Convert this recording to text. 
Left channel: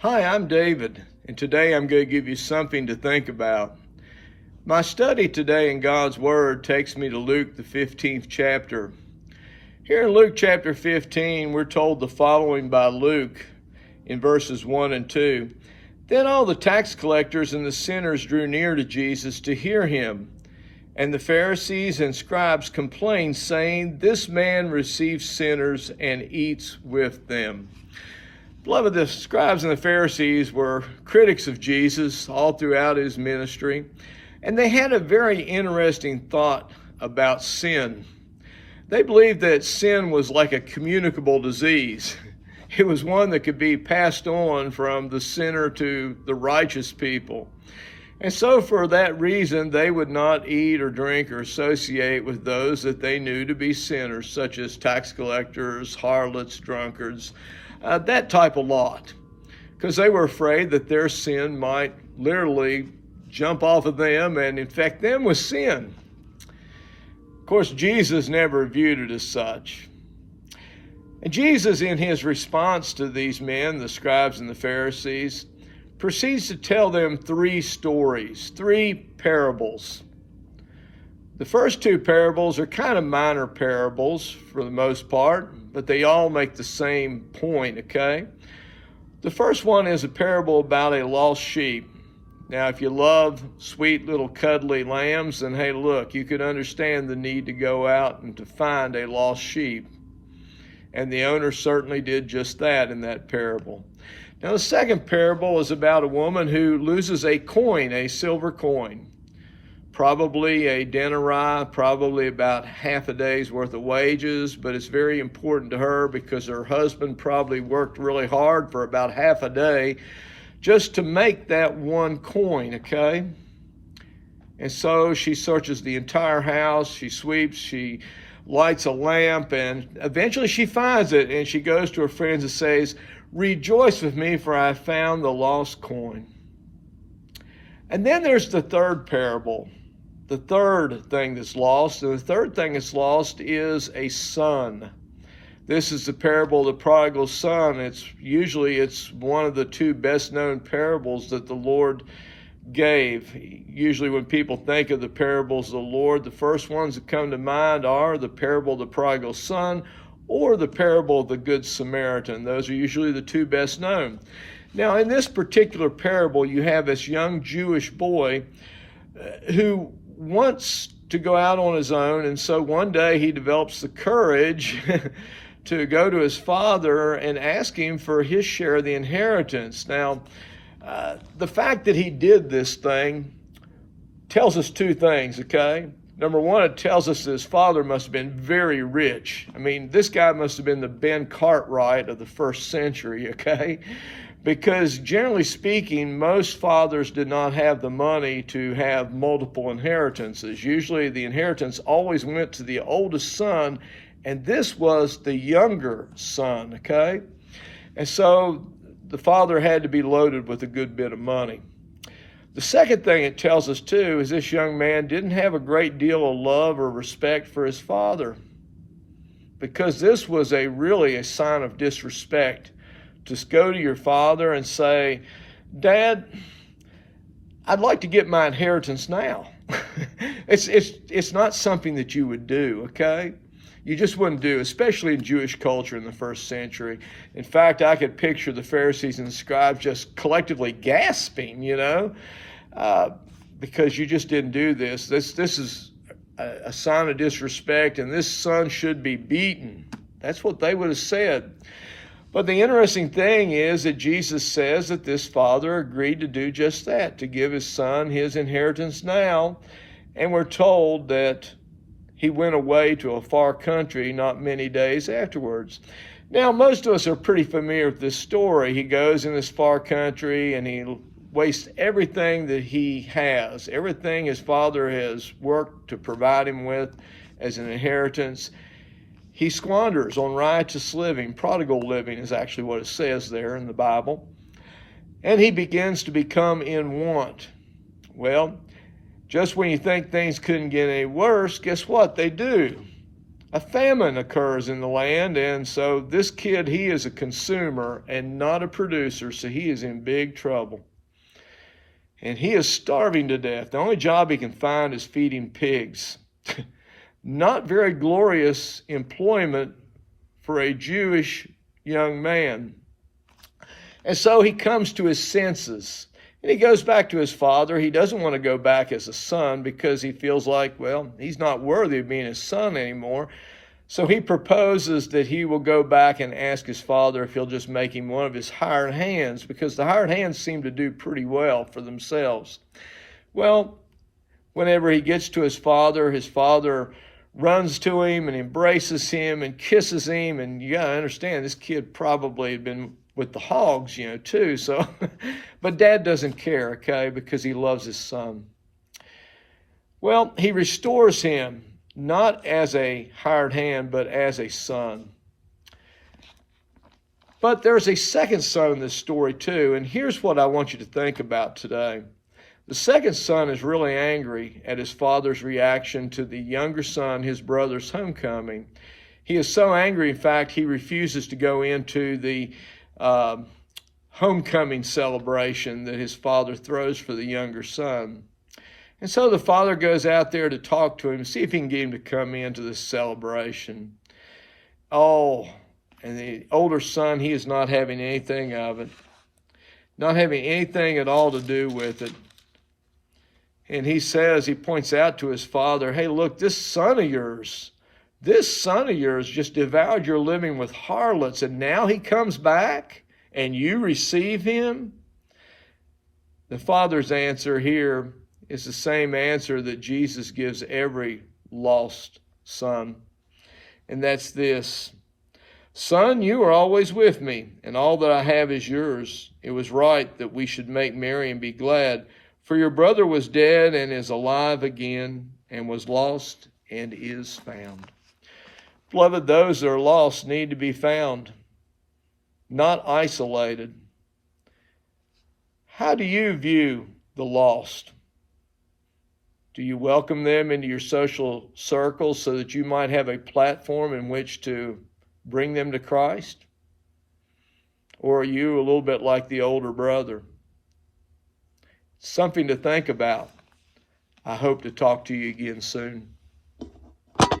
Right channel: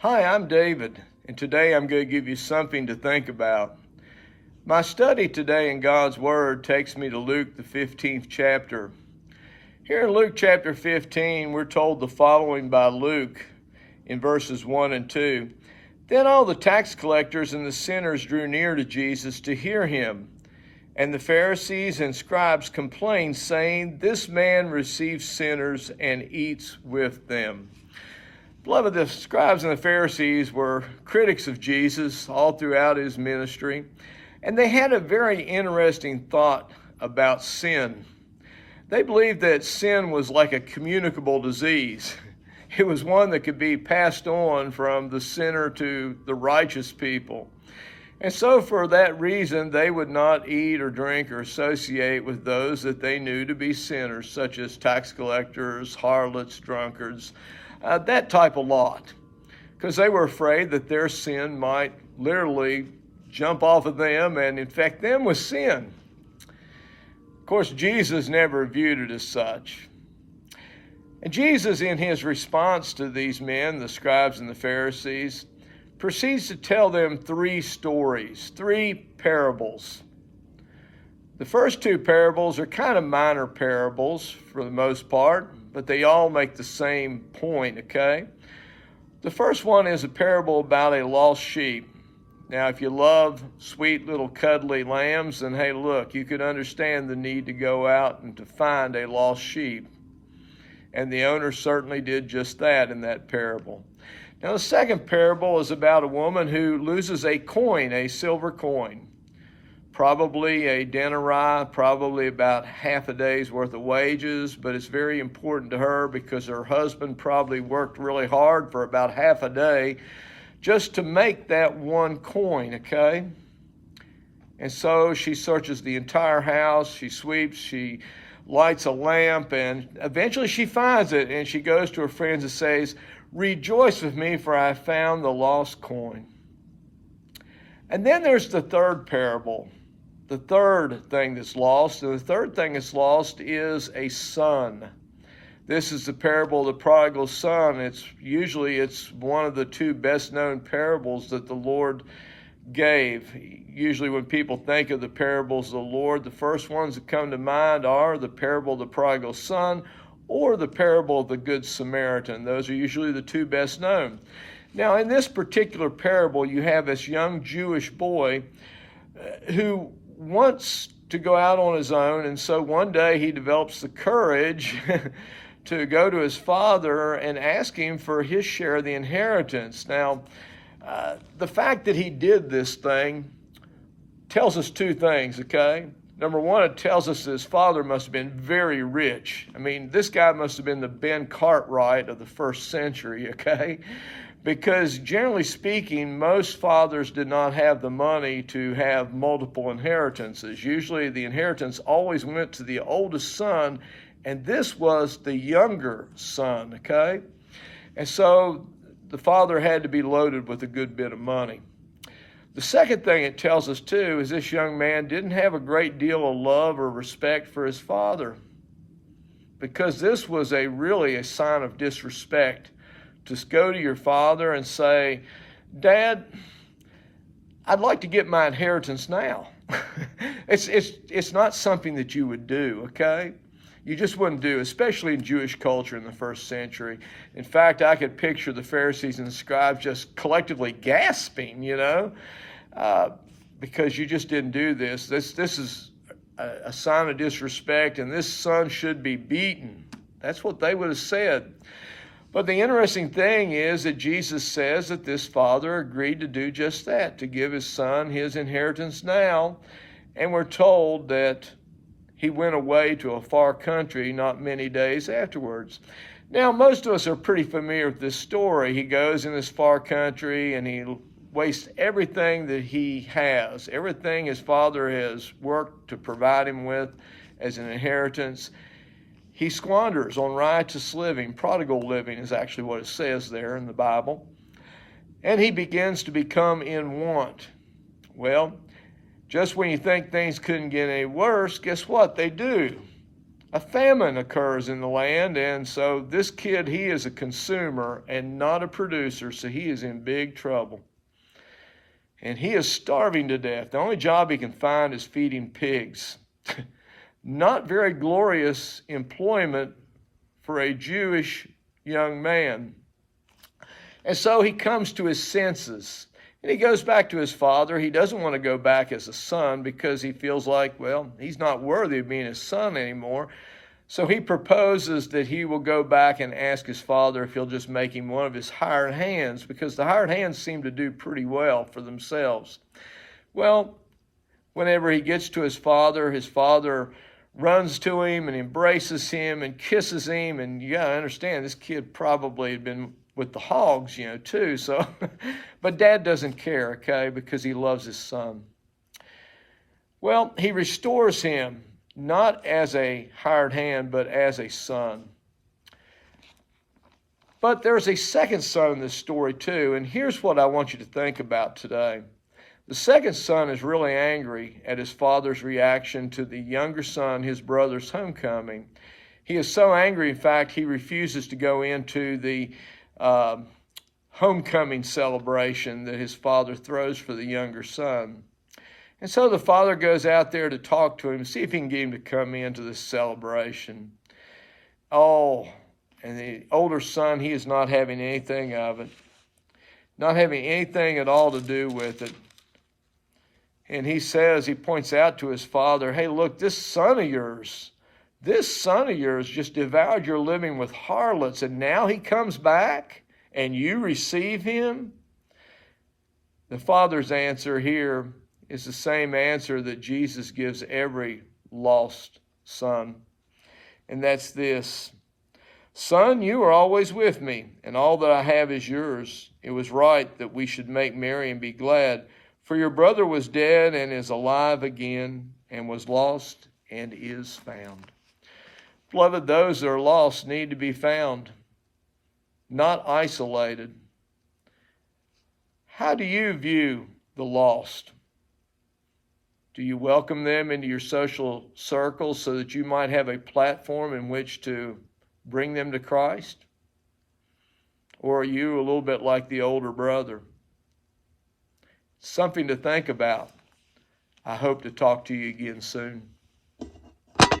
Hi, I'm David, and today I'm going to give you something to think about. My study today in God's Word takes me to Luke, the 15th chapter. Here in Luke chapter 15, we're told the following by Luke in verses 1 and 2. Then all the tax collectors and the sinners drew near to Jesus to hear him. And the Pharisees and scribes complained, saying, "This man receives sinners and eats with them." Beloved, the scribes and the Pharisees were critics of Jesus all throughout his ministry, and they had a very interesting thought about sin. They believed that sin was like a communicable disease. It was one that could be passed on from the sinner to the righteous people. And so for that reason, they would not eat or drink or associate with those that they knew to be sinners, such as tax collectors, harlots, drunkards, that type of lot, because they were afraid that their sin might literally jump off of them and infect them with sin. Of course, Jesus never viewed it as such. And Jesus, in his response to these men, the scribes and the Pharisees, proceeds to tell them three stories, three parables. The first two parables are kind of minor parables for the most part, but they all make the same point, okay? The first one is a parable about a lost sheep. Now, if you love sweet little cuddly lambs, then hey, look, you could understand the need to go out and to find a lost sheep. And the owner certainly did just that in that parable. Now, the second parable is about a woman who loses a coin, a silver coin. Probably a denarii, probably about half a day's worth of wages, but it's very important to her because her husband probably worked really hard for about half a day just to make that one coin, okay? And so she searches the entire house, she sweeps, she lights a lamp, and eventually she finds it, and she goes to her friends and says, "Rejoice with me, for I found the lost coin." And then there's the third parable. The third thing that's lost, and the third thing that's lost is a son. This is the parable of the prodigal son. It's one of the two best known parables that the Lord gave. Usually when people think of the parables of the Lord, the first ones that come to mind are the parable of the prodigal son or the parable of the Good Samaritan. Those are usually the two best known. Now, in this particular parable, you have this young Jewish boy who wants to go out on his own, and so one day he develops the courage to go to his father and ask him for his share of the inheritance. Now, the fact that he did this thing tells us two things, okay? Number one, it tells us that his father must have been very rich. I mean, this guy must have been the Ben Cartwright of the first century, okay? Because generally speaking, most fathers did not have the money to have multiple inheritances. Usually the inheritance always went to the oldest son, and this was the younger son, okay? And so the father had to be loaded with a good bit of money. The second thing it tells us too is this young man didn't have a great deal of love or respect for his father, because this was really a sign of disrespect. Just go to your father and say, "Dad, I'd like to get my inheritance now." It's not something that you would do, okay? You just wouldn't do, especially in Jewish culture in the first century. In fact, I could picture the Pharisees and the scribes just collectively gasping, because you just didn't do this. This is a sign of disrespect, and this son should be beaten. That's what they would have said. But the interesting thing is that Jesus says that this father agreed to do just that, to give his son his inheritance now. And we're told that he went away to a far country not many days afterwards. Now, most of us are pretty familiar with this story. He goes in this far country and he wastes everything that he has, everything his father has worked to provide him with as an inheritance. He squanders on riotous living. Prodigal living is actually what it says there in the Bible. And he begins to become in want. Well, just when you think things couldn't get any worse, guess what? They do. a famine occurs in the land, and so this kid, he is a consumer and not a producer, so he is in big trouble. And he is starving to death. The only job he can find is feeding pigs. Not very glorious employment for a Jewish young man. And so he comes to his senses. And he goes back to his father. He doesn't want to go back as a son because he feels like, well, he's not worthy of being his son anymore. So he proposes that he will go back and ask his father if he'll just make him one of his hired hands, because the hired hands seem to do pretty well for themselves. Well, whenever he gets to his father runs to him and embraces him and kisses him. And you got to understand, this kid probably had been with the hogs, too. So, but dad doesn't care, okay, because he loves his son. Well, he restores him, not as a hired hand, but as a son. But there's a second son in this story, too. And here's what I want you to think about today. The second son is really angry at his father's reaction to the younger son, his brother's homecoming. He is so angry, in fact, he refuses to go into the homecoming celebration that his father throws for the younger son. And so the father goes out there to talk to him, see if he can get him to come into this celebration. Oh, and the older son, he is not having anything of it, not having anything at all to do with it. And he points out to his father, hey, look, this son of yours just devoured your living with harlots, and now he comes back and you receive him? The father's answer here is the same answer that Jesus gives every lost son. And that's this: son, you are always with me, and all that I have is yours. It was right that we should make merry and be glad. For your brother was dead and is alive again, and was lost and is found. Beloved, those that are lost need to be found, not isolated. How do you view the lost? Do you welcome them into your social circles so that you might have a platform in which to bring them to Christ? Or are you a little bit like the older brother? Something to think about. I hope to talk to you again soon.